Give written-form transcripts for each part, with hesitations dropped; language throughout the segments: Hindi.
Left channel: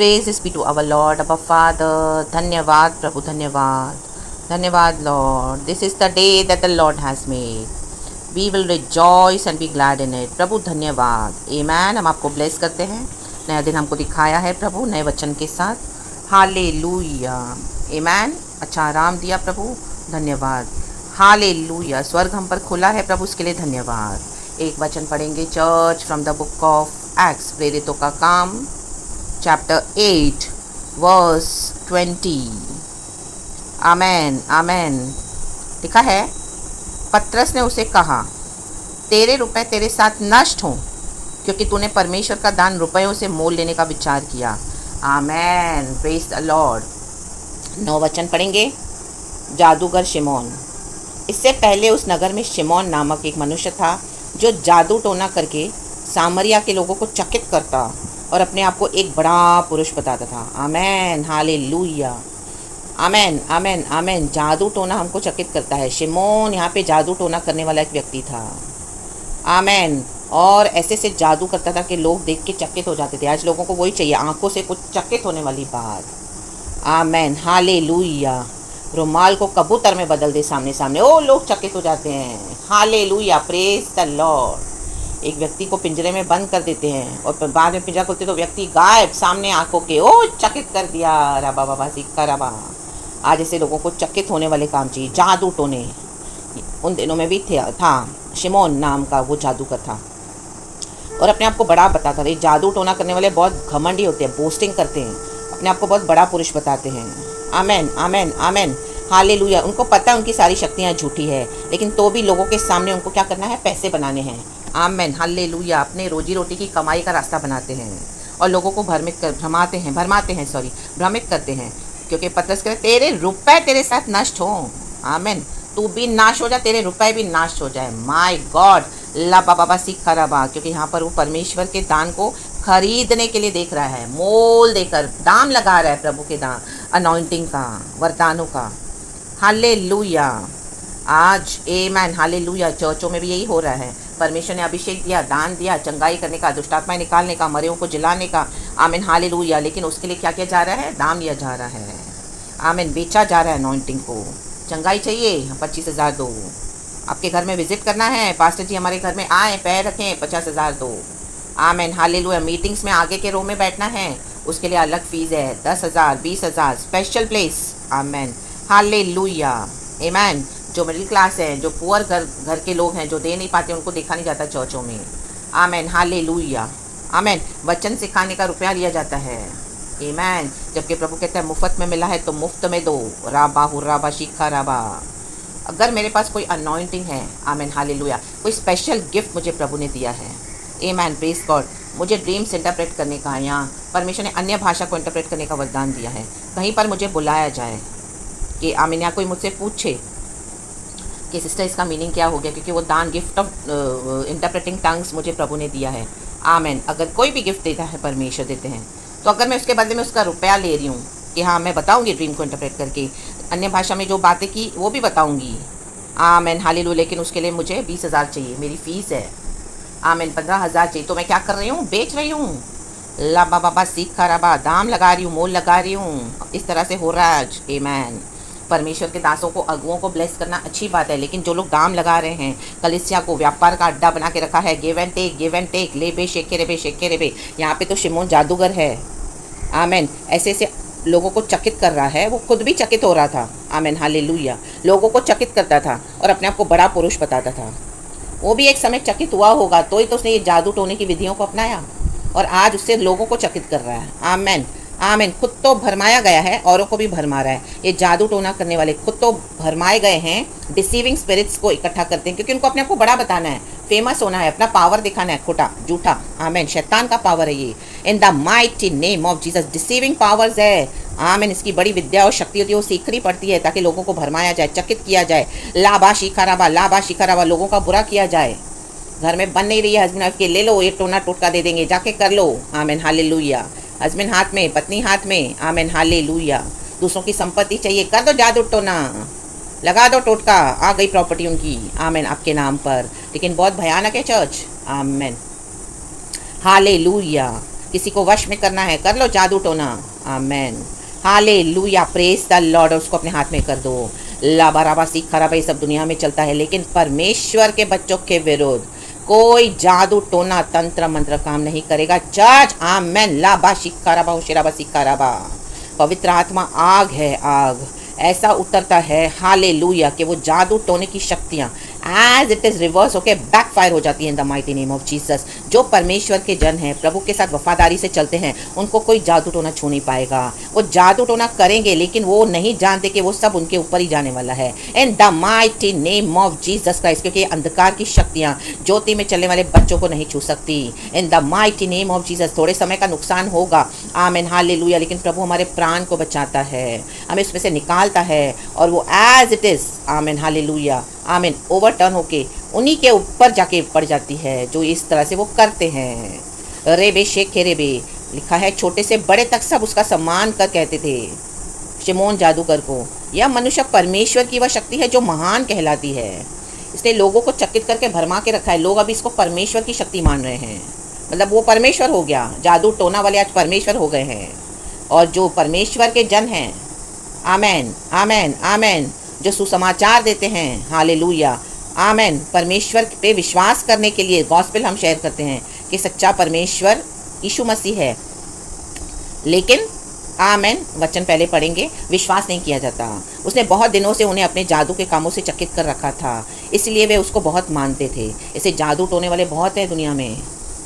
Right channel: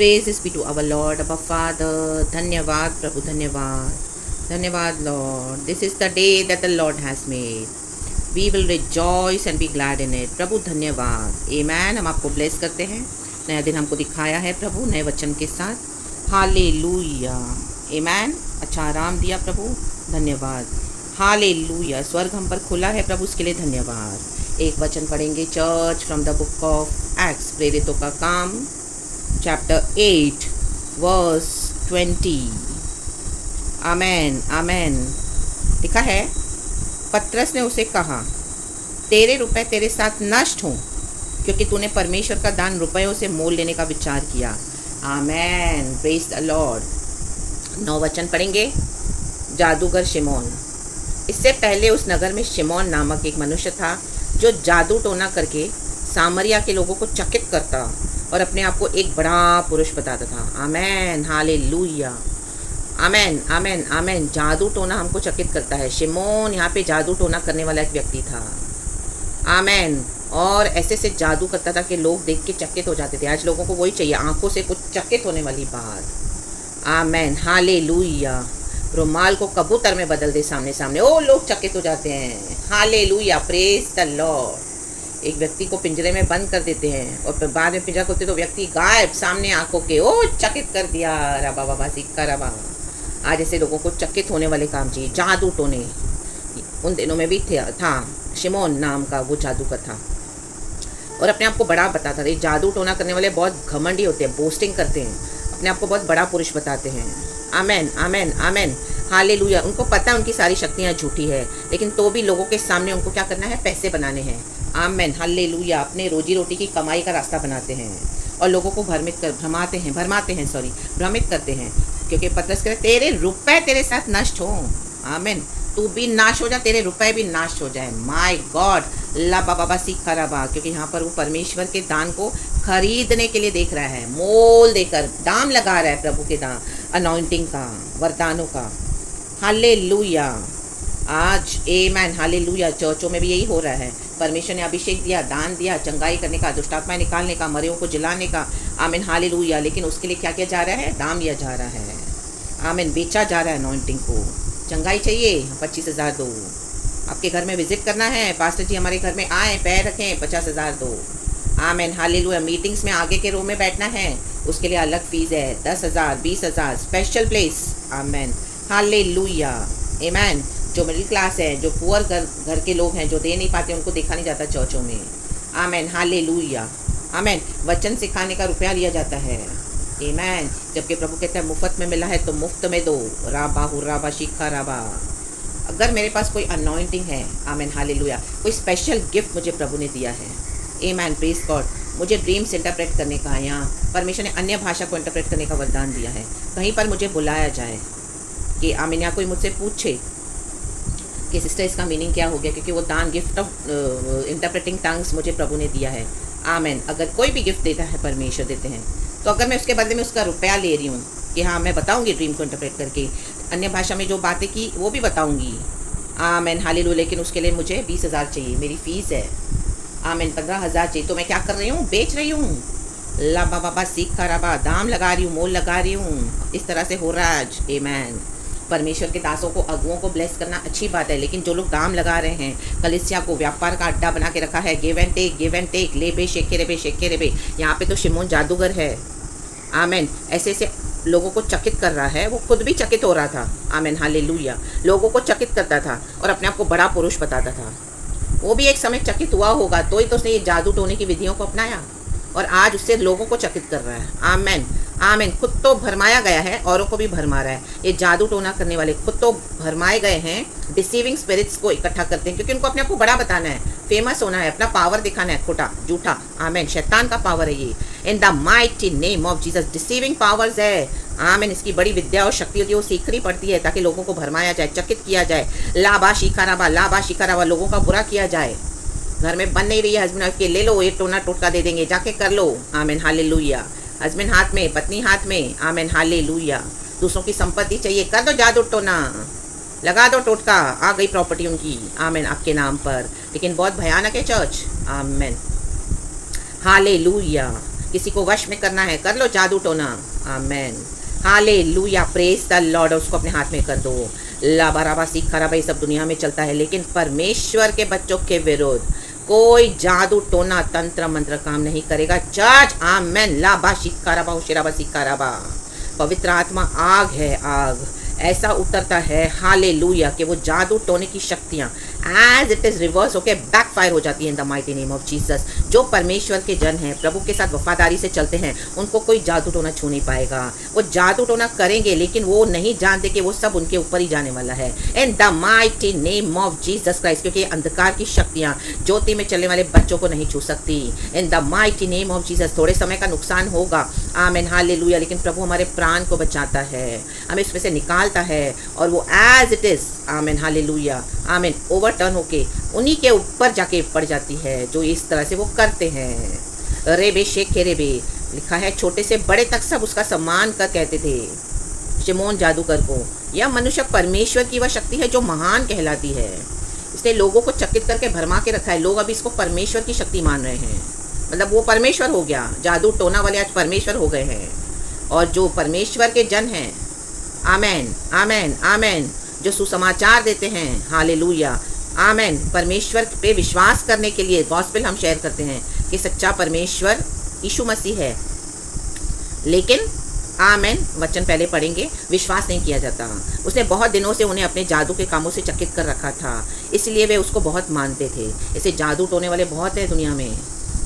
Praises be to our Lord, our Father. धन्यवाद प्रभु, धन्यवाद, धन्यवाद Lord. This is the day that the Lord has made. We will rejoice and be glad in it. प्रभु धन्यवाद. Amen. हम आपको ब्लेस करते हैं. नया दिन हमको दिखाया है प्रभु नए वचन के साथ. हालेलुया. Amen. अच्छा आराम दिया प्रभु, धन्यवाद. हालेलुया. स्वर्ग हम पर खुला है प्रभु, उसके लिए धन्यवाद. एक वचन पढ़ेंगे church from the book of acts, प्रेरितों का काम, चैप्टर 8 वर्स 20. आमेन आमेन. लिखा है, पतरस ने उसे कहा, तेरे रुपए तेरे साथ नष्ट हों, क्योंकि तूने परमेश्वर का दान रुपयों से मोल लेने का विचार किया. आमेन. Praise the Lord. 9 वचन पढ़ेंगे. जादूगर शिमोन. इससे पहले उस नगर में शिमोन नामक एक मनुष्य था जो जादू टोना करके सामरिया के लोगों को चकित करता और अपने आप को एक बड़ा पुरुष बताता था. आमेन. हालेलुया. आमेन आमेन आमेन. जादू टोना हमको चकित करता है. शिमोन यहाँ पे जादू टोना करने वाला एक व्यक्ति था. आमेन. और ऐसे से जादू करता था कि लोग देख के चकित हो जाते थे. आज लोगों को वही चाहिए, आंखों से कुछ चकित होने वाली बात. आमेन. हालेलुया. रुमाल को कबूतर में बदल दे सामने सामने, ओ लोग चकित हो जाते हैं. हालेलुया. Praise the Lord. एक व्यक्ति को पिंजरे में बंद कर देते हैं और बाद में पिंजरा खोलते तो व्यक्ति गायब सामने आंखों के, ओ चकित कर दिया. रबा बाबा सिक्का रबा. आज ऐसे लोगों को चकित होने वाले काम चाहिए. जादू टोने उन दिनों में भी था. शिमोन नाम का वो जादूगर था और अपने आप को बड़ा बताता था. जादू टोना करने वाले बहुत घमंडी होते हैं, बोस्टिंग करते हैं, अपने आप को बहुत बड़ा पुरुष बताते हैं. आमेन आमेन आमेन. हालेलुया. उनको पता है उनकी सारी शक्तियाँ झूठी है, लेकिन तो भी लोगों के सामने उनको क्या करना है, पैसे बनाने हैं. आमेन. हालेलुया. अपने रोजी रोटी की कमाई का रास्ता बनाते हैं और लोगों को भ्रमित करते हैं. क्योंकि पतरस कह, तेरे रुपए तेरे साथ नष्ट हो. आमेन. तू भी नाश हो जा, तेरे रुपए भी नाश हो जाए. My God. ला बाबा सीखा रबा. क्योंकि यहाँ पर वो परमेश्वर के दान को खरीदने के लिए देख रहा है, मोल देकर दाम लगा रहा है प्रभु के दान, अनॉइंटिंग का, वरदानों का. हालेलुया. आज आमेन. हालेलुया. चर्चों में भी यही हो रहा है. परमेश्वर ने अभिषेक दिया, दान दिया, चंगाई करने का, दुष्टात्माएं निकालने का, मरेओं को जिलाने का. आमीन. हालेलुया. लेकिन उसके लिए क्या किया जा रहा है, दाम लिया जा रहा है. आमीन. बेचा जा रहा है अनॉइंटिंग को. चंगाई चाहिए, 25,000 दो. आपके घर में विजिट करना है, पास्टर जी हमारे घर में आए, पैर रखें, 50,000 दो. आमीन. हालेलुया. मीटिंग्स में आगे के रो में बैठना है, उसके लिए अलग फीस है, 10,000 20,000 स्पेशल प्लेस. आमीन. हालेलुया. आमीन. जो मिडिल क्लास है, जो पुअर घर के लोग हैं, जो दे नहीं पाते, उनको देखा नहीं जाता चर्चों में. आमीन. हालेलुया. आमीन. वचन सिखाने का रुपया लिया जाता है. आमीन. जबकि प्रभु कहता है मुफ्त में मिला है तो मुफ्त में दो. राबा हुर्राबा शिखा राबा. अगर मेरे पास कोई अनॉइंटिंग है, आमीन. हालेलुया, कोई स्पेशल गिफ्ट मुझे प्रभु ने दिया है. आमीन. Praise God. मुझे ड्रीम्स इंटरप्रेट करने का, या परमेश्वर ने अन्य भाषा को इंटरप्रेट करने का वरदान दिया है. कहीं पर मुझे बुलाया जाए कि आमीन, या कोई मुझसे पूछे कि सिस्टर इसका मीनिंग क्या हो गया, क्योंकि वो दान गिफ्ट ऑफ इंटरप्रेटिंग टंग्स मुझे प्रभु ने दिया है. आमीन. अगर कोई भी गिफ्ट देता है, परमेश्वर देते हैं, तो अगर मैं उसके बदले में उसका रुपया ले रही हूँ कि हाँ मैं बताऊँगी ड्रीम को इंटरप्रेट करके, अन्य भाषा में जो बातें की वो भी बताऊँगी. आमीन. हालेलुया. लेकिन उसके लिए मुझे 20,000 चाहिए, मेरी फ़ीस है. आमीन. 15,000 चाहिए, तो मैं क्या कर रही हूँ, बेच रही हूँ. ला बाबा सीखा रबा. दाम लगा रही हूँ, मोल लगा रही हूँ. इस तरह से हो रहा है आज. आमीन. परमेश्वर के दासों को, अगुओं को ब्लेस करना अच्छी बात है, लेकिन जो लोग दाम लगा रहे हैं, कलीसिया को व्यापार का अड्डा बना के रखा है, गिव एंड टेक, ले बे शेके रे. यहाँ पे तो शिमोन जादूगर है. आमीन. ऐसे ऐसे लोगों को चकित कर रहा है. वो खुद भी चकित हो रहा था. आमीन. हालेलुया. लोगों को चकित करता था और अपने आप को बड़ा पुरुष बताता था. वो भी एक समय चकित हुआ होगा, तो ही तो उसने ये जादू टोने की विधियों को अपनाया और आज उससे लोगों को चकित कर रहा है. आमीन. आमीन. खुद तो भरमाया गया है, औरों को भी भरमा रहा है. ये जादू टोना करने वाले खुद तो भरमाए गए हैं, डिसीविंग स्पिरिट्स को इकट्ठा करते हैं, क्योंकि उनको अपने आप को बड़ा बताना है, फेमस होना है, अपना पावर दिखाना है. खोटा झूठा. आमीन. शैतान का पावर है ये. इन the mighty name of Jesus. Deceiving powers है. आमीन. इसकी बड़ी विद्या और शक्ति होती है, वो सीखनी पड़ती है ताकि लोगों को भरमाया जाए, चकित किया जाए. लाबा शिकाराबा. लोगों का बुरा किया जाए. घर में बन नहीं रही है हस्बैंड वाइफ के, ले लो एक टोना टोटका दे देंगे, जाके कर लो. आमीन. हालेलुया. हस्बैंड हाथ में, पत्नी हाथ में. आमीन. हालेलुया. दूसरों की संपत्ति चाहिए, कर दो जादू टोना, लगा दो टोटका, आ गई प्रॉपर्टी उनकी. आमीन. आपके नाम पर. लेकिन बहुत भयानक है चर्च. आमीन. हालेलुया. किसी को वश में करना है, कर लो जादू टोना। आमेन, हालेलुया, प्रेज द लॉर्ड। उसको अपने हाथ में कर दो। लाबाराबा सीख खराबा ये सब दुनिया में चलता है, लेकिन परमेश्वर के बच्चों के विरुद्ध कोई जादू टोना तंत्र मंत्र काम नहीं करेगा। चर्च, आमेन। लाबा शिकाराबा उशिराबा सिकाराबा। पवित्र आत्मा आग है, आग ऐसा उतरता है, हालेलुया, कि वो जादू टोने की शक्तियाँ एज इट इज़ रिवर्स होके बैकफायर हो जाती है इन the mighty name of Jesus. जो परमेश्वर के जन हैं, प्रभु के साथ वफादारी से चलते हैं, उनको कोई जादू टोना छू नहीं पाएगा। वो जादू टोना करेंगे, लेकिन वो नहीं जानते कि वो सब उनके ऊपर ही जाने वाला है इन the mighty name of Jesus Christ. क्योंकि अंधकार की शक्तियाँ ज्योति में चलने वाले बच्चों को नहीं छू सकती इन the mighty name of Jesus. थोड़े समय का नुकसान होगा, आमेन, हालेलुया, लेकिन प्रभु हमारे प्राण को बचाता है, हमें इसमें से निकालता है, और वो as it is, amen, hallelujah, amen, overturn होके उन्हीं के ऊपर जाके पड़ जाती है जो इस तरह से वो करते हैं। रेबे शेख रेबे लिखा है, छोटे से बड़े तक सब उसका सम्मान कर कहते थे शिमोन जादूगर को। यह मनुष्य परमेश्वर की वह शक्ति है जो महान कहलाती है। इसने लोगों को चकित करके भरमा के रखा है। लोग अभी इसको परमेश्वर की शक्ति मान रहे हैं, मतलब वो परमेश्वर हो गया। जादू टोना वाले आज परमेश्वर हो गए हैं। और जो परमेश्वर के जन हैं, आमेन, आमेन, आमेन, जो सुसमाचार देते हैं, हालेलुया, आमेन, परमेश्वर पे विश्वास करने के लिए गॉस्पेल हम शेयर करते हैं कि सच्चा परमेश्वर यीशु मसीह है, लेकिन आमेन, वचन पहले पढ़ेंगे, विश्वास नहीं किया जाता। उसने बहुत दिनों से उन्हें अपने जादू के कामों से चकित कर रखा था, इसलिए वे उसको बहुत मानते थे। ऐसे जादू टोने वाले बहुत हैं दुनिया में,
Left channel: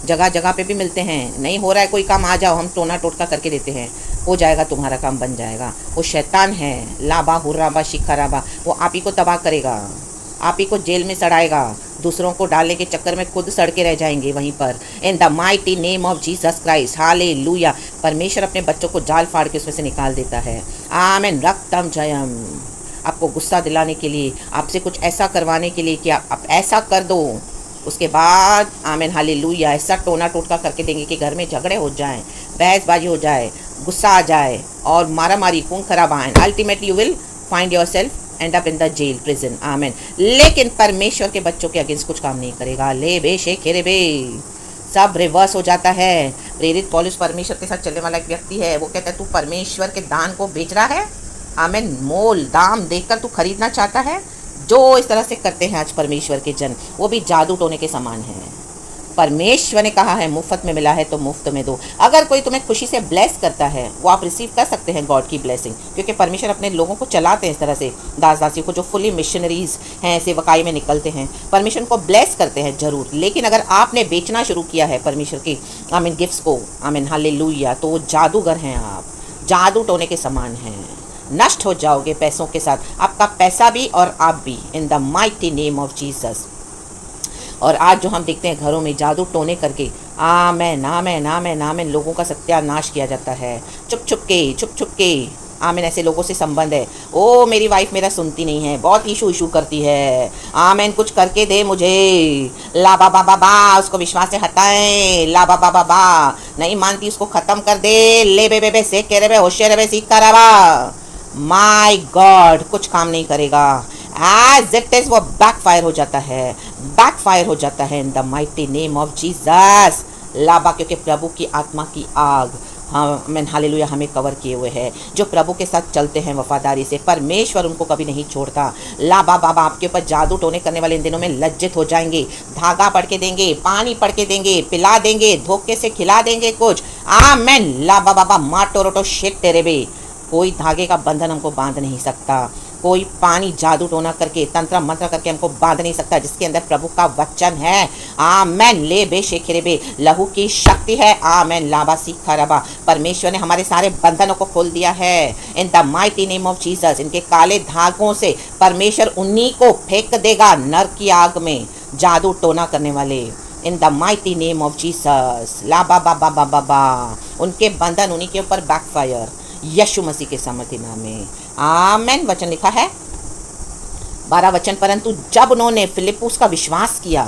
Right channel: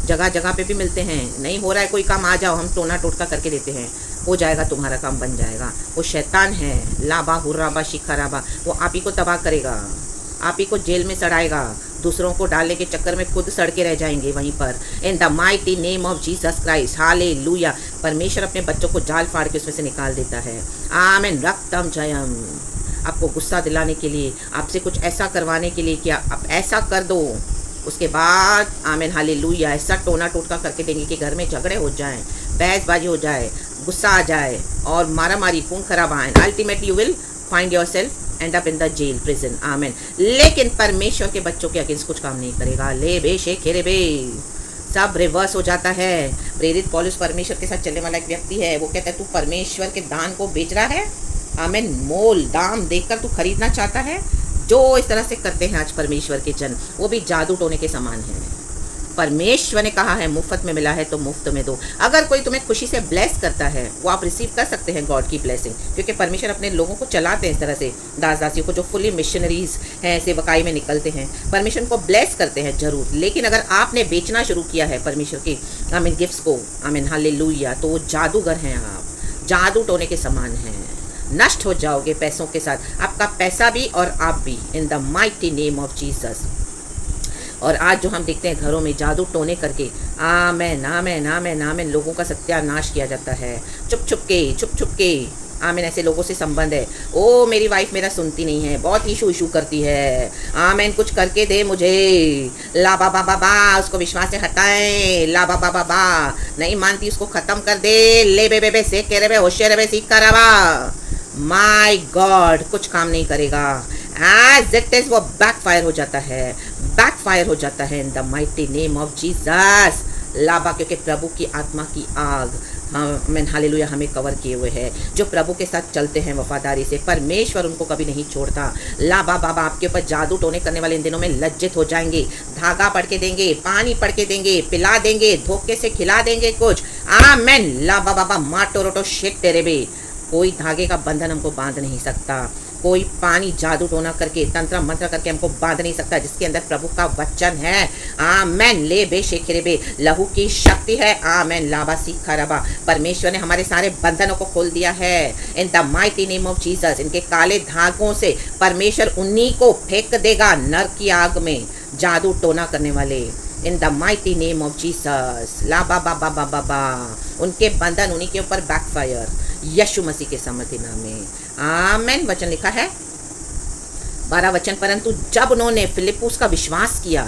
जगह जगह पे भी मिलते हैं। नहीं हो रहा है कोई काम, आ जाओ, हम टोना टोटका करके देते हैं, हो जाएगा, तुम्हारा काम बन जाएगा। वो शैतान है, लाबा हुर्राबा शिखराबा, वो आप ही को तबाह करेगा, आप ही को जेल में सड़ाएगा, दूसरों को डालने के चक्कर में खुद सड़ के रह जाएंगे वहीं पर। इन the mighty name of Jesus Christ, hallelujah, परमेश्वर अपने बच्चों को जाल फाड़ के उसमें से निकाल देता है। आमेन, रक्तम जयम। आपको गुस्सा दिलाने के लिए, आपसे कुछ ऐसा करवाने के लिए कि आप ऐसा कर दो, उसके बाद आमेन, हालेलुया, ऐसा टोना टोटका करके देंगे कि घर में झगड़े हो जाएं, बहसबाजी हो जाए, गुस्सा आ जाए और मारा मारी, खून खराब आए। Ultimately you will find yourself end up in the jail, prison, amen. लेकिन परमेश्वर के बच्चों के अगेंस्ट कुछ काम नहीं करेगा। ले बे शेखेरे बे, सब रिवर्स हो जाता है। प्रेरित पौलुस परमेश्वर के साथ चलने वाला एक व्यक्ति है। वो कहता है, तू परमेश्वर के दान को बेच रहा है, आमेन, मोल दाम देकर तू खरीदना चाहता है। जो इस तरह से करते हैं आज परमेश्वर के जन, वो भी जादू टोने के समान हैं। परमेश्वर ने कहा है, मुफ्त में मिला है तो मुफ्त में दो। अगर कोई तुम्हें खुशी से ब्लेस करता है, वो आप रिसीव कर सकते हैं गॉड की ब्लेसिंग, क्योंकि परमेश्वर अपने लोगों को चलाते हैं इस तरह से, दास दासियों को जो फुली मिशनरीज हैं, सेवकाई में निकलते हैं, परमेश्वर को ब्लेस करते हैं जरूर। लेकिन अगर आपने बेचना शुरू किया है परमेश्वर के आमीन गिफ्ट्स को, आमीन, हालेलुया, तो वो जादूगर हैं, आप जादू टोने के समान हैं। नष्ट हो जाओगे पैसों के साथ, आपका पैसा भी और आप भी, इन the mighty name of Jesus. और आज जो हम देखते हैं घरों में जादू टोने करके, आमेन, आमेन, आमेन, आमेन, लोगों का सत्यानाश किया जाता है, चुप छुप के, आमेन। ऐसे लोगों से संबंध है, ओ मेरी वाइफ मेरा सुनती नहीं है, बहुत इशू करती है, आमेन, कुछ करके दे मुझे, ला बा बा बा बा, उसको विश्वास से हटाएं, ला बा बा बा बा, नहीं मानती उसको खत्म कर दे, ले बे बे बे से कह रहे होशियार बे सीख कर, माय गॉड, कुछ काम नहीं करेगा। एज इट इज वो बैकफायर हो जाता है, बैकफायर हो जाता है इन the mighty name of Jesus. लाबा, क्योंकि प्रभु की आत्मा की आग, आमीन, हालेलुया, हमें कवर किए हुए है। जो प्रभु के साथ चलते हैं वफादारी से, परमेश्वर उनको कभी नहीं छोड़ता। लाबा बाबा आपके ऊपर जादू टोने करने वाले इन दिनों में लज्जित हो जाएंगे। धागा पढ़ के देंगे, पानी पढ़ के देंगे, पिला देंगे, धोखे से खिला देंगे कुछ, आमीन। लाबा बाबा माटो रोटो शेट तेरे बे, कोई धागे का बंधन हमको बांध नहीं सकता, कोई पानी जादू टोना करके, तंत्र मंत्र करके हमको बांध नहीं सकता, जिसके अंदर प्रभु का वचन है, आमेन। ले बे शेखरे बे, लहू की शक्ति है, आमेन, लाबा सीखा रबा। परमेश्वर ने हमारे सारे बंधनों को खोल दिया है इन the mighty name of Jesus. इनके काले धागों से परमेश्वर उन्हीं को फेंक देगा नरक की आग में, जादू टोना करने वाले, इन the mighty name of Jesus. लाबा बाबा बाबा बा, उनके बंधन उन्हीं के ऊपर बैकफायर, यीशु मसीह के सामर्थ्य नाम में, आमेन। वचन लिखा है 12 वचन, परंतु जब उन्होंने फिलिप्पुस का विश्वास किया,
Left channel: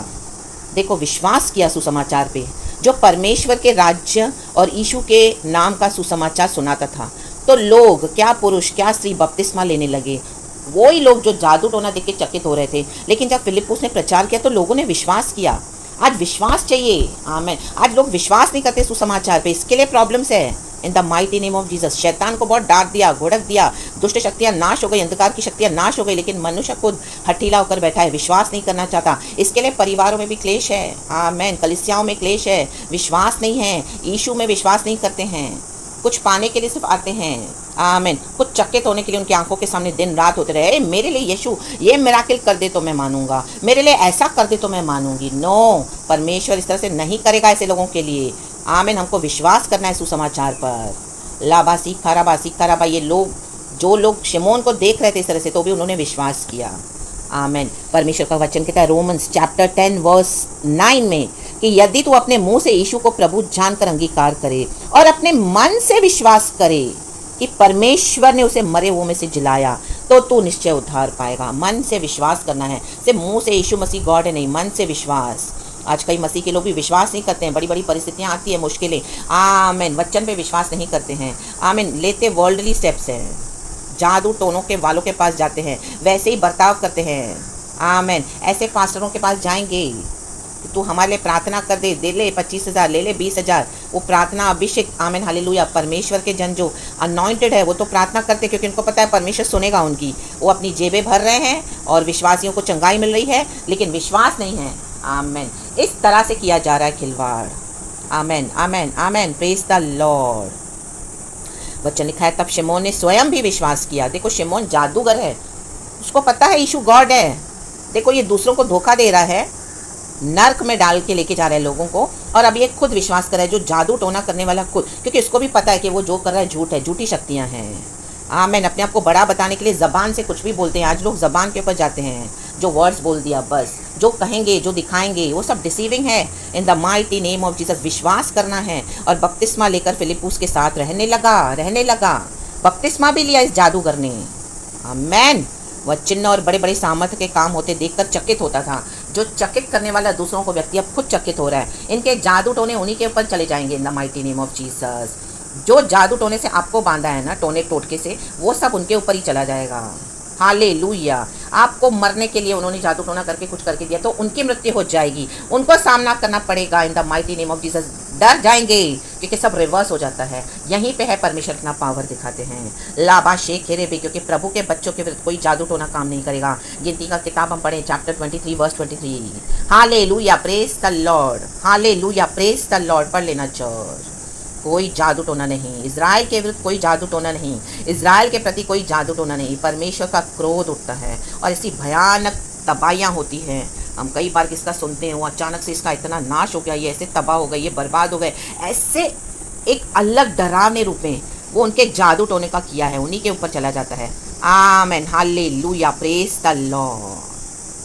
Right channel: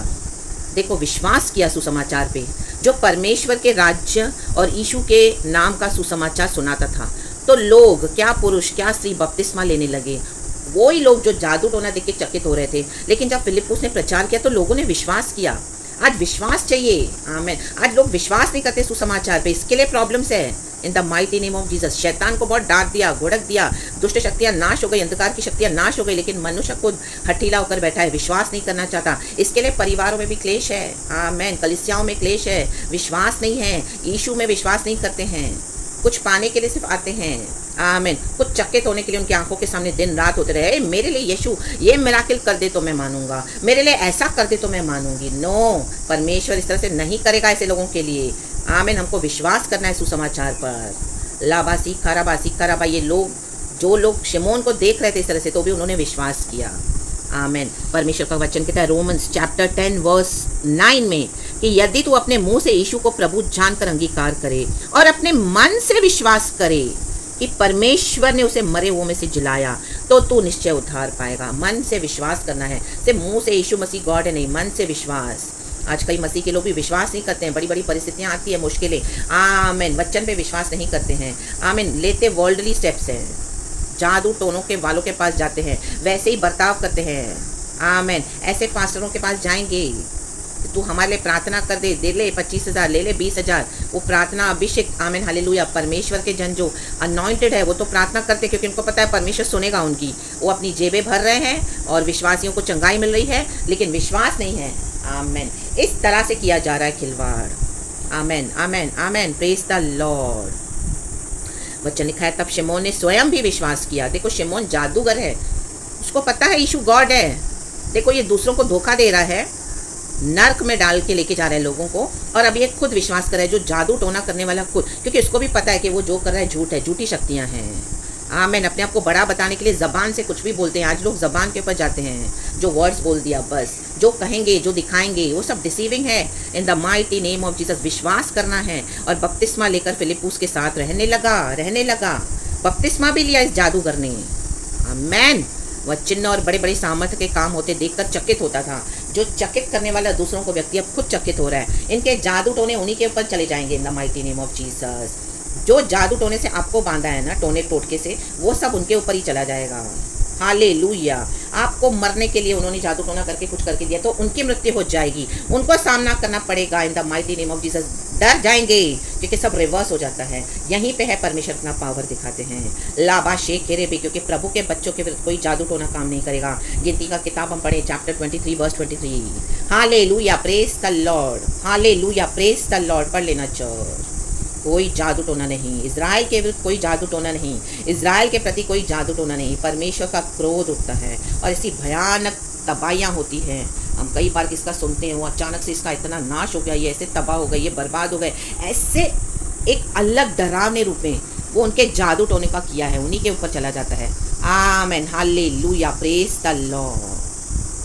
देखो विश्वास किया सुसमाचार पे, जो परमेश्वर के राज्य और यीशु के नाम का सुसमाचार सुनाता था, तो लोग, क्या पुरुष क्या स्त्री बपतिस्मा लेने लगे। वही लोग जो जादू टोना देख के चकित हो रहे थे, लेकिन जब फिलिप्पुस ने प्रचार किया तो लोगों ने विश्वास किया। आज विश्वास चाहिए। आमेन। आज लोग विश्वास नहीं करते सुसमाचार पे, इसके लिए प्रॉब्लम्स है। इन the mighty name of Jesus. शैतान को बहुत डांट दिया, घुड़क दिया, दुष्ट शक्तियां नाश हो गई, अंधकार की शक्तियां नाश हो गई, लेकिन मनुष्य खुद हठीला होकर बैठा है, विश्वास नहीं करना चाहता। इसके लिए परिवारों में भी क्लेश है। आमेन। कलीसियाओं में क्लेश है, विश्वास नहीं है, यीशु में विश्वास नहीं करते हैं, कुछ पाने के लिए सिर्फ आते हैं। आमीन। कुछ चकित होने के लिए उनकी आंखों के सामने दिन रात होते रहे, मेरे लिए यीशु ये मिराकिल कर दे तो मैं मानूंगा, मेरे लिए ऐसा कर दे तो मैं मानूंगी। नो, परमेश्वर इस तरह से नहीं करेगा ऐसे लोगों के लिए। आमीन। हमको विश्वास करना है सुसमाचार पर। लाबासी खराबा ये लोग, जो लोग शिमोन को देख रहे थे इस तरह से, तो भी उन्होंने विश्वास किया। आमीन। परमेश्वर का वचन कहता है रोमन्स चैप्टर 10 वर्स 9 में कि यदि तू अपने मुंह से यीशु को प्रभु जानकर अंगीकार करे और अपने मन से विश्वास करे कि परमेश्वर ने उसे मरे हुओं में से जिलाया, तो तू निश्चय उद्धार पाएगा। मन से विश्वास करना है, सिर्फ मुंह से यीशु मसीह गॉड है नहीं, मन से विश्वास। आज कई मसीह के लोग भी विश्वास नहीं करते हैं, बड़ी बड़ी परिस्थितियां आती है, मुश्किलें। आमीन। वचन पे विश्वास नहीं करते हैं। आमीन। लेते वर्ल्डली स्टेप्स हैं, जादू टोनों के वालों के पास जाते हैं, वैसे ही बर्ताव करते हैं। आमीन। ऐसे पास्टरों के पास जाएंगे, तू हमारे लिए प्रार्थना कर दे, दे ले 25,000, ले ले 20,000। वो प्रार्थना अभिषेक। आमीन। हालेलुया। परमेश्वर के जन जो अनॉइंटेड है वो तो प्रार्थना करते, क्योंकि उनको पता है परमेश्वर सुनेगा उनकी। वो अपनी जेबें भर रहे हैं और विश्वासियों को चंगाई मिल रही है, लेकिन विश्वास नहीं है। आमीन। इस तरह से किया जा रहा है खिलवाड़। आमीन आमीन आमीन। Praise the Lord. वचन लिखा है तब शिमोन ने स्वयं भी विश्वास किया। देखो शिमोन जादूगर है, उसको पता है यीशु गॉड है। देखो ये दूसरों को धोखा दे रहा है, नर्क में डाल के लेके जा रहा है लोगों को, और अब ये खुद विश्वास कर रहा है, जो जादू टोना करने वाला खुद, क्योंकि उसको भी पता है कि वो जो कर रहा है झूठ है, झूठी शक्तियाँ हैं। आमीन। अपने आप को बड़ा बताने के लिए ज़बान से कुछ भी बोलते हैं। आज लोग ज़बान के ऊपर जाते हैं, जो वर्ड्स बोल दिया बस, जो कहेंगे, जो दिखाएंगे, वो सब डिसीविंग है। इन the mighty name of Jesus विश्वास करना है और बपतिस्मा लेकर फिलिप्पुस के साथ रहने लगा। बपतिस्मा भी लिया इस जादूगर ने। आमीन। वह चिन्ह और बड़े बड़े सामर्थ्य के काम होते देखकर चकित होता था। जो चकित करने वाला दूसरों को व्यक्ति अब खुद चकित हो रहा है। इनके जादू टोने उन्हीं के ऊपर चले जाएंगे in the mighty name of Jesus. जो जादू टोने से आपको बांधा है ना, टोने टोटके से, वो सब उनके ऊपर ही चला जाएगा। हालेलुया। आपको मरने के लिए उन्होंने जादू टोना करके कुछ करके दिया, तो उनकी मृत्यु हो जाएगी, उनको सामना करना पड़ेगा इन the mighty name of Jesus. डर जाएंगे क्योंकि सब रिवर्स हो जाता है। यहीं पे है परमेश्वर अपना पावर दिखाते हैं। लाबा शेख हेरे भी, क्योंकि प्रभु के बच्चों के विरुद्ध कोई जादू टोना काम नहीं करेगा। गिनती का किताब हम पढ़े chapter 23 verse 23। Hallelujah. Praise the lord. Hallelujah. Praise the lord. पढ़ लेना चर्च। कोई जादू टोना नहीं, इज़राइल के विरुद्ध कोई जादू टोना नहीं, इज़राइल के प्रति कोई जादू टोना नहीं। परमेश्वर का क्रोध उठता है और ऐसी भयानक तबाहियाँ होती हैं। हम कई बार किसका सुनते हैं, वो अचानक से इसका इतना नाश हो गया, ये ऐसे तबाह हो गए, ये बर्बाद हो गए, ऐसे एक अलग डरावने रूप में वो उनके जादू टोने का किया है, उन्हीं के ऊपर चला जाता है। Amen. Hallelujah. Praise the Lord.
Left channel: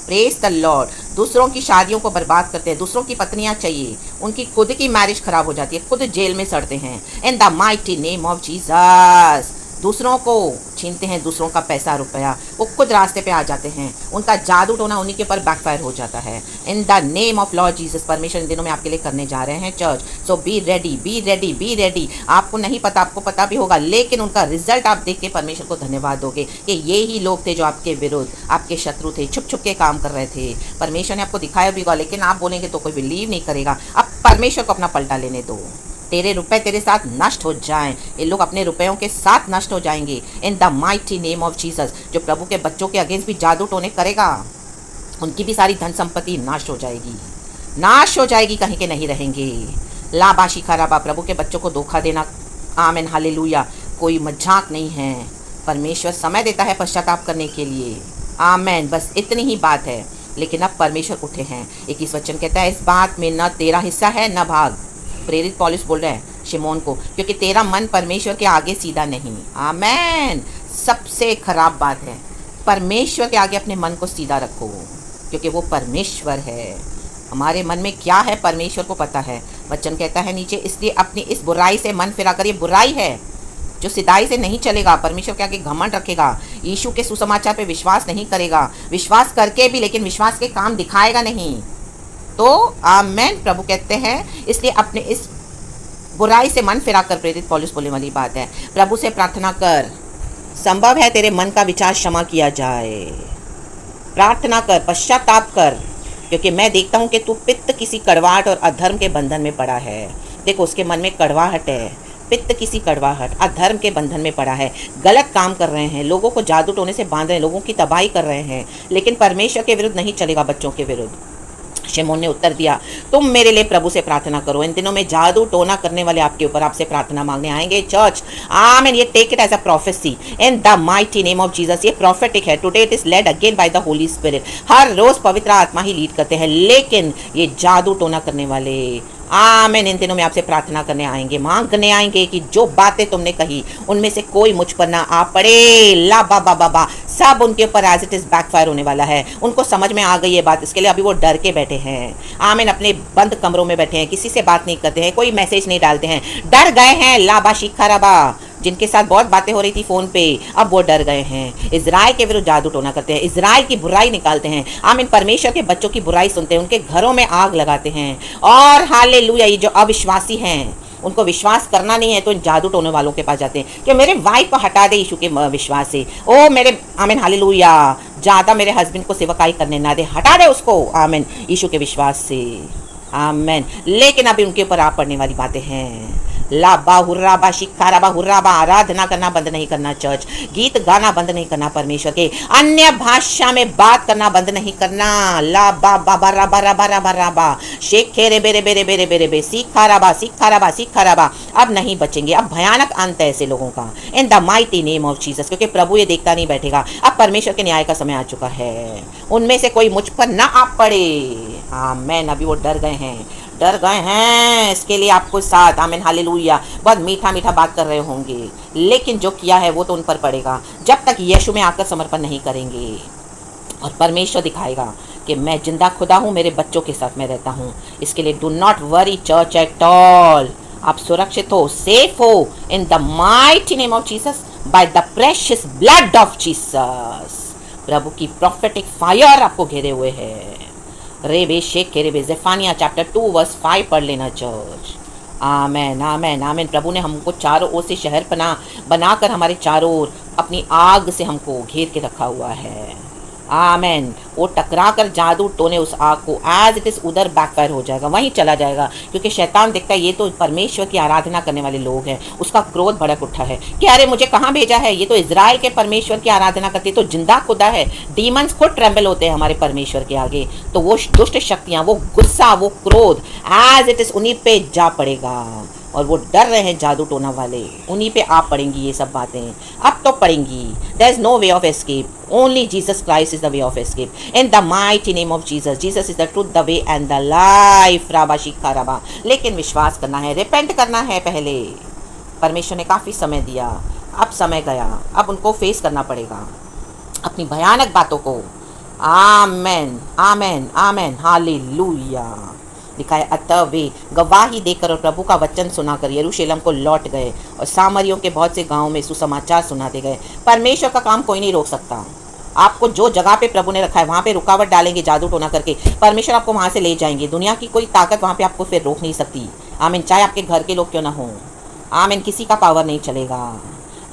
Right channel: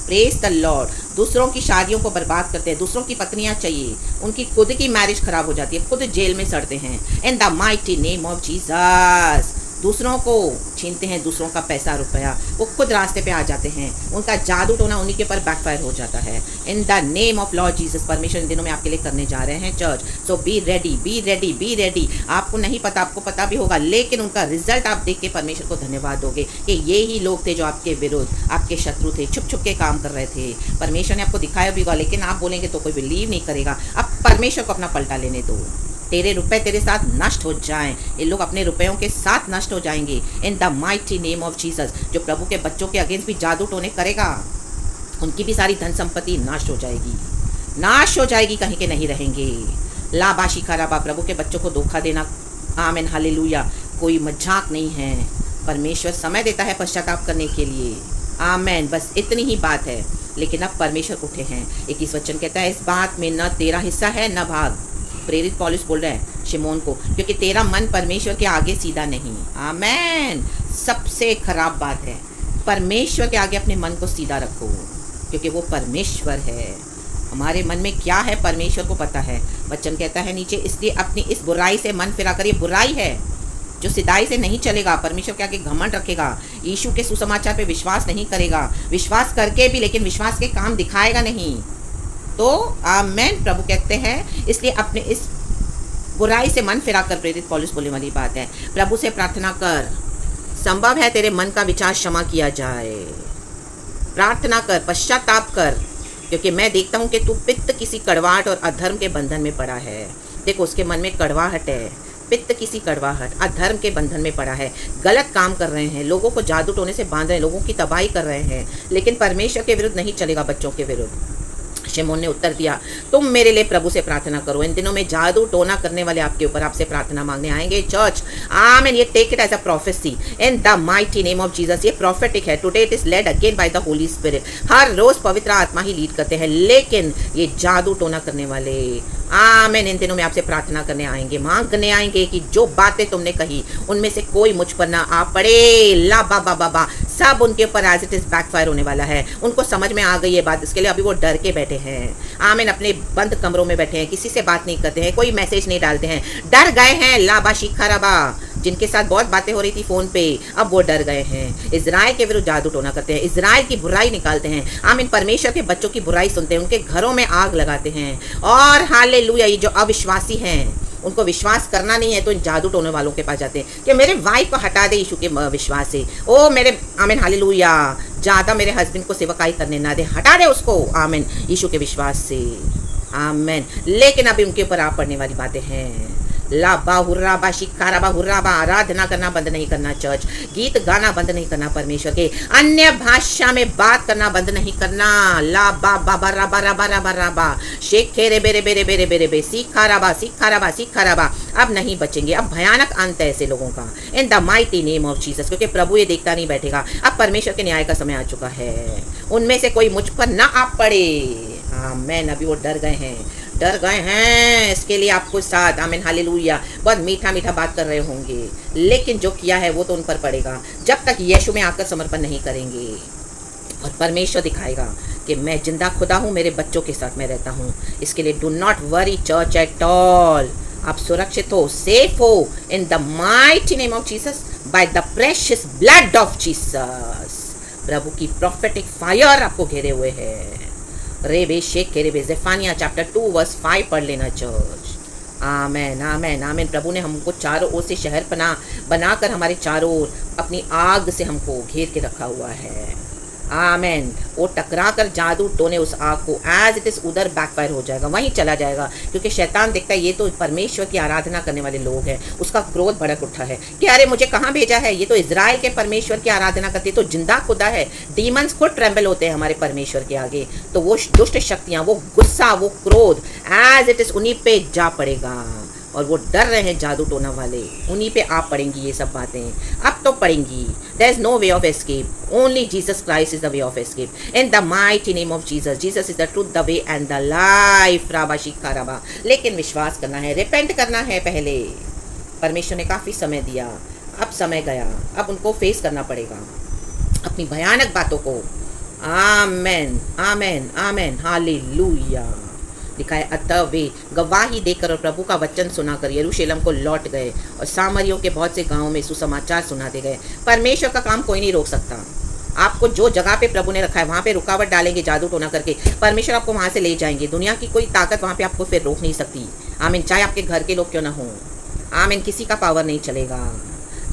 Praise the Lord. दूसरों की शादियों को बर्बाद करते हैं, दूसरों की पत्नियां चाहिए, उनकी खुद की मैरिज खराब हो जाती है, खुद जेल में सड़ते हैं। In the mighty name of Jesus. दूसरों को छीनते हैं, दूसरों का पैसा रुपया, वो खुद रास्ते पे आ जाते हैं, उनका जादू टोना उन्हीं के ऊपर बैकफायर हो जाता है। In the name of Lord Jesus. परमेश्वर इन दिनों में आपके लिए करने जा रहे हैं church. So be ready, be ready, be ready. आपको नहीं पता, आपको पता भी होगा, लेकिन उनका रिजल्ट आप देख के परमेश्वर को धन्यवाद दोगे कि ये ही लोग थे जो आपके विरुद्ध, आपके शत्रु थे, छुप छुप के काम कर रहे थे। परमेश्वर ने आपको दिखाया भी होगा, लेकिन आप बोलेंगे तो कोई बिलीव नहीं करेगा। अब परमेश्वर को अपना पलटा लेने दो। तेरे रुपए तेरे साथ नष्ट हो जाएं। ये लोग अपने रुपयों के साथ नष्ट हो जाएंगे in the mighty name of Jesus. जो प्रभु के बच्चों के अगेंस्ट भी जादू टोने करेगा, उनकी भी सारी धन संपत्ति नाश हो जाएगी, नाश हो जाएगी, कहीं के नहीं रहेंगे। लाबाशी खराबा। प्रभु के बच्चों को धोखा देना, आमीन हालेलुया, कोई मजाक नहीं है। परमेश्वर समय देता है पश्चाताप करने के लिए। आमीन। बस इतनी ही बात है। लेकिन अब परमेश्वर उठे हैं। 21 वचन कहता है इस बात में न तेरा हिस्सा है न भाग। प्रेरित पौलुस बोल रहे हैं शिमोन को, क्योंकि तेरा मन परमेश्वर के आगे सीधा नहीं। आमीन। सबसे खराब बात है, परमेश्वर के आगे अपने मन को सीधा रखो, क्योंकि वो परमेश्वर है। हमारे मन में क्या है परमेश्वर को पता है। वचन कहता है नीचे, इसलिए अपनी इस बुराई से मन फिरा कर। ये बुराई है जो सिधाई से नहीं चलेगा, परमेश्वर के आगे घमंड रखेगा, यीशु के सुसमाचार पे विश्वास नहीं करेगा, विश्वास करके भी लेकिन विश्वास के काम दिखाएगा नहीं, तो आमेन। प्रभु कहते हैं इसलिए अपने इस बुराई से मन फिरा कर। प्रेरित पौलुस बोलने वाली बात है, प्रभु से प्रार्थना कर, संभव है तेरे मन का विचार क्षमा किया जाए। प्रार्थना कर, पश्चाताप कर, क्योंकि मैं देखता हूँ कि तू पित्त किसी कड़वाहट और अधर्म के बंधन में पड़ा है। देखो उसके मन में कड़वाहट है, पित्त किसी कड़वाहट अधर्म के बंधन में पड़ा है। गलत काम कर रहे हैं, लोगों को जादू टोने से बांध रहे हैं, लोगों की तबाही कर रहे हैं, लेकिन परमेश्वर के विरुद्ध नहीं चलेगा, बच्चों के विरुद्ध। शिमोन ने उत्तर दिया, तुम मेरे लिए प्रभु से प्रार्थना करो। इन दिनों में जादू टोना करने वाले आपके ऊपर आपसे प्रार्थना मांगने आएंगे चर्च। आमेन। ये take it as a prophecy in the mighty name of Jesus. ये प्रोफेटिक है। Today it is led again by the Holy Spirit. हर रोज पवित्र आत्मा ही लीड करते हैं, लेकिन ये जादू टोना करने वाले आमेन इन दिनों में आपसे प्रार्थना करने आएंगे, मांगने आएंगे कि जो बातें तुमने कही उनमें से कोई मुझ पर ना आ पड़े। ला बाबा बाबा सब उनके ऊपर एज इट इज बैकफायर होने वाला है। उनको समझ में आ गई ये बात, इसके लिए अभी वो डर के बैठे हैं। आमेन। अपने बंद कमरों में बैठे हैं, किसी से बात नहीं करते हैं, कोई मैसेज नहीं डालते हैं, डर गए हैं। लाबा शिखाराबा जिनके साथ बहुत बातें हो रही थी फोन पे, अब वो डर गए हैं। इजराइल के विरुद्ध जादू टोना करते हैं, इजराइल की बुराई निकालते हैं। आमीन। परमेश्वर के बच्चों की बुराई सुनते हैं, उनके घरों में आग लगाते हैं। और हालेलुया, ये जो अविश्वासी हैं उनको विश्वास करना नहीं है तो इन जादू टोने वालों के पास जाते हैं कि मेरे वाइफ को हटा दे यीशु के विश्वास से। ओ मेरे आमीन हालेलुया, ज़्यादा मेरे हस्बैंड को सेवकाई करने ना दे, हटा दे उसको आमीन यीशु के विश्वास से। आमीन। लेकिन अभी उनके ऊपर आ पड़ने वाली बातें हैं। लाबा हुर्राबा शिखाराबा हुर्राबा, आराधना करना बंद नहीं करना चर्च, गीत गाना बंद नहीं करना, परमेश्वर के अन्य भाषा में बात करना बंद नहीं करना। लाबा बाबा राबा राबा राबा राबा शेखे रे बेरे बेरे बेरे बेरे बे शिखाराबा शिखाराबा शिखाराबा। अब नहीं बचेंगे, अब भयानक अंत है ऐसे लोगों का इन the mighty name of Jesus. क्योंकि प्रभु ये देखता नहीं बैठेगा, अब परमेश्वर के न्याय का समय आ चुका है। उनमें से कोई मुझ पर ना आ पड़े। आमीन। अभी वो डर गए हैं, डर गए हैं। इसके लिए आपको साथ आमीन हालेलुया बहुत मीठा मीठा बात कर रहे होंगे, लेकिन जो किया है वो तो उन पर पड़ेगा जब तक यीशु में आकर समर्पण नहीं करेंगे। और परमेश्वर दिखाएगा कि मैं जिंदा खुदा हूँ, मेरे बच्चों के साथ मैं रहता हूँ। इसके लिए do not worry church at all. आप सुरक्षित हो, सेफ हो in the mighty name of Jesus by the precious blood of Jesus. प्रभु की प्रोफेटिक फायर आपको घेरे हुए है। रेबे शेख के रेबे ज़ेफानिया चैप्टर 2 वर्स 5 पढ़ लेना चर्च। आमेन आमेन आमेन। प्रभु ने हमको चारों ओर से शहर पना बनाकर हमारे चारों ओर अपनी आग से हमको घेर के रखा हुआ है। आमेन। वो टकरा कर जादू टोने उस आग को एज इट इज उधर बैकफायर हो जाएगा, वहीं चला जाएगा। क्योंकि शैतान देखता है ये तो परमेश्वर की आराधना करने वाले लोग हैं, उसका क्रोध भड़क उठा है कि अरे मुझे कहाँ भेजा है, ये तो इजराइल के परमेश्वर की आराधना करते, तो जिंदा खुदा है। डीमंस खुद ट्रेम्बल होते हैं हमारे परमेश्वर के आगे। तो वो दुष्ट शक्तियाँ, वो गुस्सा, वो क्रोध एज इट इज उन्हीं पे जा पड़ेगा। और वो डर रहे हैं जादू टोना वाले, उन्हीं पे आप पड़ेंगी ये सब बातें, अब तो पड़ेंगी। There is no way of escape, only Jesus Christ is the way of escape in the mighty name of Jesus. Jesus is the truth, the way and the life. राबा शिखा राबा। लेकिन विश्वास करना है, रिपेंट करना है पहले। परमेश्वर ने काफ़ी समय दिया, अब समय गया, अब उनको फेस करना पड़ेगा अपनी भयानक बातों को। आमेन आमेन आमेन हालेलुया। दिखाए अतः वे गवाही देकर और प्रभु का वचन सुनाकर यरूशलेम को लौट गए और सामरियों के बहुत से गांवों में सुसमाचार सुनाते गए। परमेश्वर का काम कोई नहीं रोक सकता। आपको जो जगह पे प्रभु ने रखा है वहाँ पे रुकावट डालेंगे जादू टोना करके, परमेश्वर आपको वहाँ से ले जाएंगे। दुनिया की कोई ताकत वहाँ पे आपको फिर रोक नहीं सकती। आमीन। चाहे आपके घर के लोग क्यों ना हों, आमीन, किसी का पावर नहीं चलेगा।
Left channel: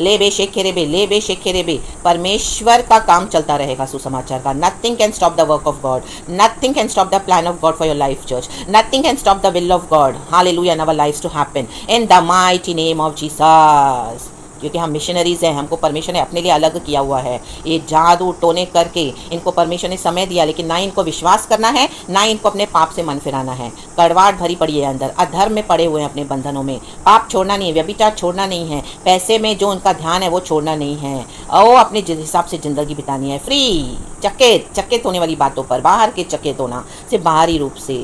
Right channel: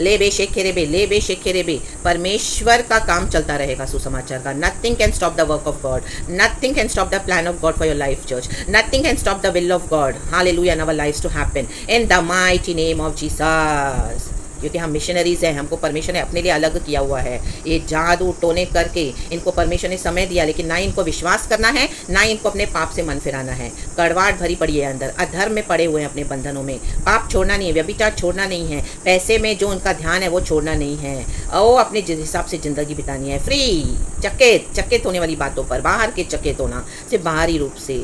ले बे शेखे रे। परमेश्वर का काम चलता रहेगा सुसमाचार का। Nothing can stop the work of God, nothing can stop the plan of God for your life church, nothing can stop the will of God hallelujah in our lives to happen in the mighty name of Jesus. क्योंकि हम मिशनरीज हैं, हमको परमेश्वर ने अपने लिए अलग किया हुआ है। ये जादू टोने करके इनको परमेश्वर ने समय दिया, लेकिन ना इनको विश्वास करना है, ना इनको अपने पाप से मन फिराना है। कड़वाहट भरी पड़ी है अंदर, अधर्म में पड़े हुए हैं अपने बंधनों में। पाप छोड़ना नहीं है, व्यभिचार छोड़ना नहीं है, पैसे में जो उनका ध्यान है वो छोड़ना नहीं है, और अपने हिसाब से ज़िंदगी बितानी है। फ्री चकित होने वाली बातों पर, बाहर के चकित होना, सिर्फ बाहरी रूप से,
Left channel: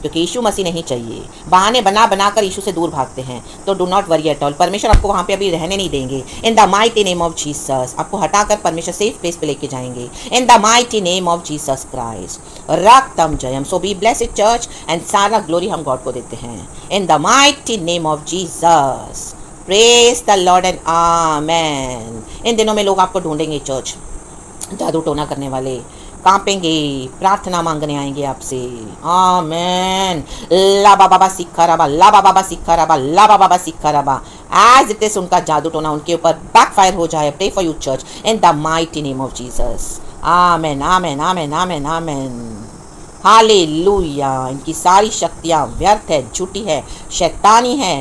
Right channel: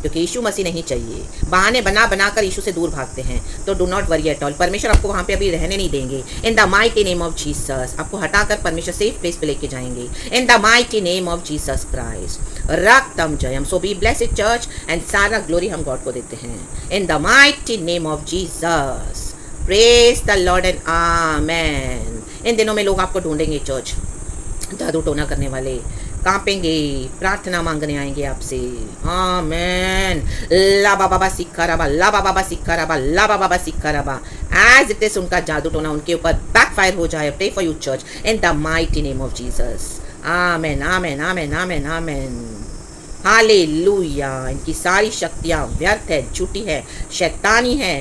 क्योंकि यीशु मसीह नहीं चाहिए। बहाने बना कर यीशु से दूर भागते हैं, तो do not worry at all. परमेश्वर आपको वहाँ पे अभी रहने नहीं देंगे। In the mighty name of Jesus आपको हटाकर परमेश्वर सेफ प्लेस पे लेके जाएंगे in the mighty name of Jesus Christ. रक्तम जयम। So be blessed church and सारा ग्लोरी हम गॉड को देते हैं in the mighty name of Jesus. Praise the Lord and amen. इन दिनों में लोग आपको ढूंढेंगे चर्च, जादू टोना करने वाले कांपेंगे, प्रार्थना मांगने आएंगे आपसे। आमेन। लाबा बाबा सिक्खा रबा, लाबा बाबा सिक्खा रबा, लाबा बाबा सिक्खा रबा। एज इट इज उनका जादू टोना उनके ऊपर बैकफायर हो जाए। Pray for you church in the mighty name of Jesus. Amen amen amen amen amen. Hallelujah. इनकी सारी शक्तियाँ व्यर्थ है, झूठी है, शैतानी है,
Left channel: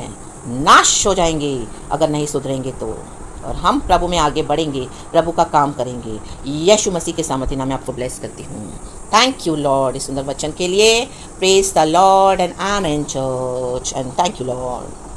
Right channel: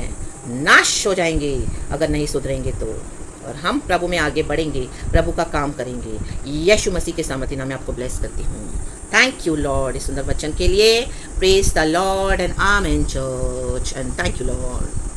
नाश हो जाएंगे अगर नहीं सुधरेंगे तो। और हम प्रभु में आगे बढ़ेंगे, प्रभु का काम करेंगे। यीशु मसीह के सामर्थ्य नाम में आपको ब्लेस करती हूँ। थैंक यू लॉर्ड इस सुंदर वचन के लिए। Praise the Lord and amen church and thank you Lord.